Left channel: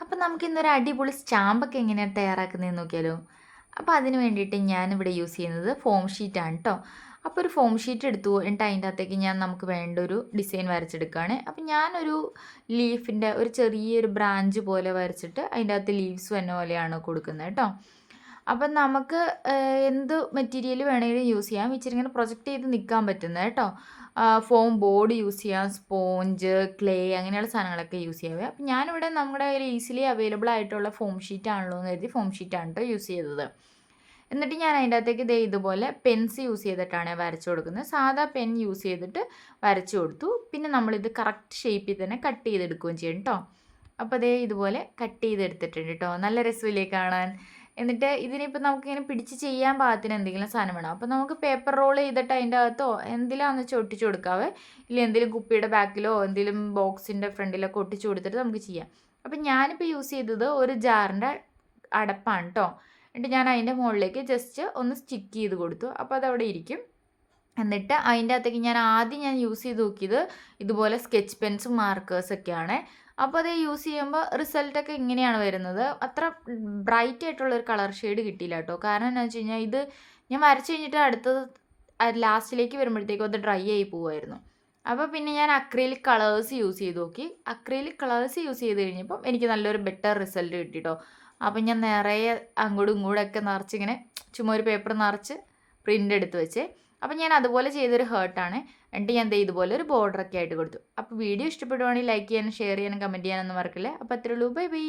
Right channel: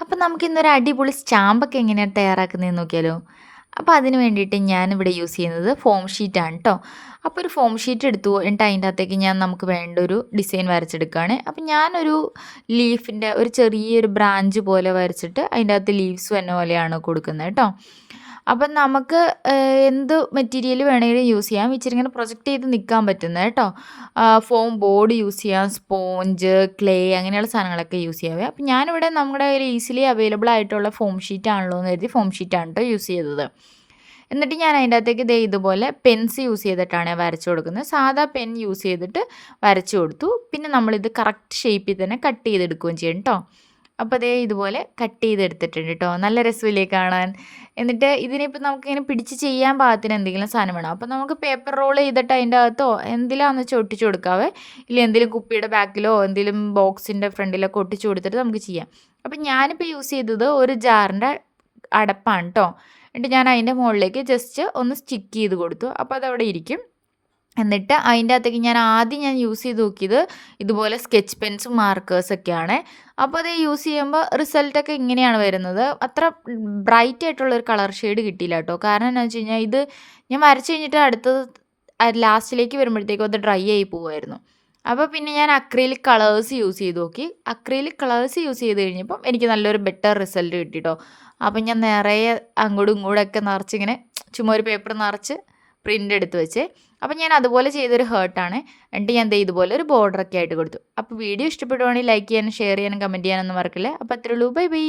അപ്പം നമുക്കിന്നൊരു അടിപൊളി സ്റ്റാമ്പൊക്കെ എങ്ങനെയാണ് തയ്യാറാക്കുന്നതെന്ന് നോക്കിയാലോ? അപ്പോൾ അതിന് വേണ്ടിയിട്ട് ഞാനിവിടെ യൂസ് ചെയ്യുന്നത് ഫോം ഷീറ്റാണ് ട്ടോ. അപ്പോൾ ഒരു ഫോം ഷീറ്റ് എടുത്തു. എന്നിട്ട് അതിൻ്റെ അകത്തേക്ക് നമുക്ക് വേണ്ട ഒരു ഡിസൈൻ വരച്ചെടുക്കുകയാണ്. അപ്പം ഞാനൊരു ലീഫിൻ്റെ ഒരു ചെറിയൊരു ബ്രാഞ്ച് പോലെ വരച്ചിട്ട് അതിൻ്റെ അകത്ത് ലീവ്സ് വരുന്ന പോലെയാണ് കൊടുക്കുന്നത് ട്ടോ. അപ്പം നമുക്ക് എന്ത് മെറ്റീരിയൽ വേണമെങ്കിലും യൂസ് ചെയ്യാം. ഇച്ചിരി ഇങ്ങനെ പ്രൊജക്റ്റ് ചെയ്ത് നിൽക്കാൻ പറ്റുന്നത് കേട്ടോ. ഫോം ബോർഡ് യൂസ് ചെയ്യാം, സ്പോഞ്ച്, ക്ലേ അങ്ങനെയുള്ള സാധനങ്ങളൊക്കെ യൂസ് ചെയ്യാവേ. അപ്പം ഞാനിവിടെ നമ്മുടെ കയ്യിൽ ഈസിലി അവൈലബിൾ ആയിട്ടുള്ള ഫോം ഷീറ്റ് ആണല്ലോ എന്ന് കരുതി ഫോം ഷീറ്റാണ് കേട്ടോ യൂസ് ചെയ്തത്. എന്നിട്ട് ഞാൻ അതിൻ്റെ അകത്തേക്ക് ദേ ഇതുപോലെ പെൻസ് യൂസ് ചെയ്തിട്ടാണ് വരച്ചു കൊടുക്കുന്നത്. സാധാ പെൻ യൂസ് ചെയ്തിട്ട് വരച്ചു കൊടുത്തു. പിന്നെ നമ്മളിത് കറക്റ്റ് ഷേപ്പിൽ തന്നെ കട്ട് ചെയ്തെടുക്കുകയും ചെയ്യും കേട്ടോ. അപ്പോൾ ദേ ഇതുപോലെ കട്ട് ചെയ്തെടുത്തിട്ടുണ്ട് കേട്ടോ. നല്ല രസമില്ലേ കാണാൻ? എന്നിട്ട് ഇതിനിപ്പോൾ നമുക്കിങ്ങനെ പിടിച്ച് ചെയ്യാൻ പാകത്തിന് എന്തെങ്കിലും സാധനം വേണം. അപ്പോൾ നമുക്ക് പേപ്പർ റോൾ ചെയ്തിട്ട് അതിൻ്റെ അകത്തോ എന്തിലാന്ന് വെച്ചാൽ ഒട്ടിച്ച് കൊടുക്കാവേ. ഇല്ല എന്തെങ്കിലും കുപ്പിയുടെ ബാക്കിലോ എന്തെങ്കിലും ബോക്സിൻ്റെ ഫ്രണ്ടിലൊക്കെ ഒട്ടിച്ച് കൊടുത്തിട്ട് നമുക്ക് ചെയ്യാം. അപ്പം ഞാനിപ്പോൾ യൂസ് ചെയ്തത് ഒരു ജാറിൻ്റെ അടപ്പാണ് ട്ടോ. എന്നിട്ട് ഞാൻ അതിൻ്റെ മുകളിലേക്ക് ജസ്റ്റ് ഒന്ന് സ്റ്റിക്ക് ചെയ്ത് കൊടുത്തു. അപ്പോൾ അതവിടെ ഇരിക്കും. എന്നിട്ട് അതിൻ്റെ അകത്തേക്ക് ഞാൻ യൂസ് ചെയ്ത് നോക്കിയത് ഇതുപോലെ സ്കെച്ച് പെൻസും മാർക്കേഴ്സൊക്കെയാണ്. അപ്പോൾ അത് യൂസ് ചെയ്യുമ്പോൾ റിസൾട്ടൊക്കെ ഇങ്ങനെയാണ് വരുന്നത്. അത്ര ബ്രൈറ്റ് ആയിട്ടുള്ളൊരു കളർ ഷെയ്ഡ് കിട്ടിയില്ല കേട്ടോ. കാരണം എന്താണെന്ന് വെച്ച് കഴിഞ്ഞാൽ ഇത് ഞാൻ വരച്ച് കഴിഞ്ഞിട്ട് അടുത്തത് ലാസ്റ്റിലേക്ക് വരുമ്പോഴത്തേക്കും അത് ഡ്രൈ ആയി പോവുമായിരുന്നു. അപ്പോൾ പിന്നെ ഞാൻ അക്രിലിക് കളേഴ്സ് യൂസ് ചെയ്ത് നോക്കി. അക്രിലിക് കളേഴ്സ് യൂസ് ചെയ്ത് കഴിഞ്ഞപ്പം എനിക്ക് നല്ലൊരു ബെറ്റർ റിസൾട്ട് കിട്ടി ട്ടോ. അപ്പം ഞാൻ നിറയെ അങ്ങോട്ടും ഇങ്ങോട്ടൊക്കെ നിറച്ചിങ്ങനെ ചുമ്മാ ഒരു പേപ്പർ നിറച്ച് പ്രിൻ്റ് എടുത്ത് വെച്ചേ. അപ്പം ഞാൻ അതുപോലെ ചെയ്തൊരു ഹേർട്ടാണ്. എന്നിട്ട് ഞാൻ ദേ ഇതുപോലെ ഒരു ബോർഡറൊക്കെ ആയിട്ട് കൊടുത്തു. അപ്പോൾ വീഡിയോ ഇഷ്ടപ്പെടുവാണെങ്കിൽ ലൈക്ക് ചെയ്യാനും ഷെയർ ചെയ്യാനും കമൻറ്റ് ചെയ്യാനൊന്നും മറക്കില്ല. അപ്പോൾ അത്രേ ഉള്ളൂ. Bye bye.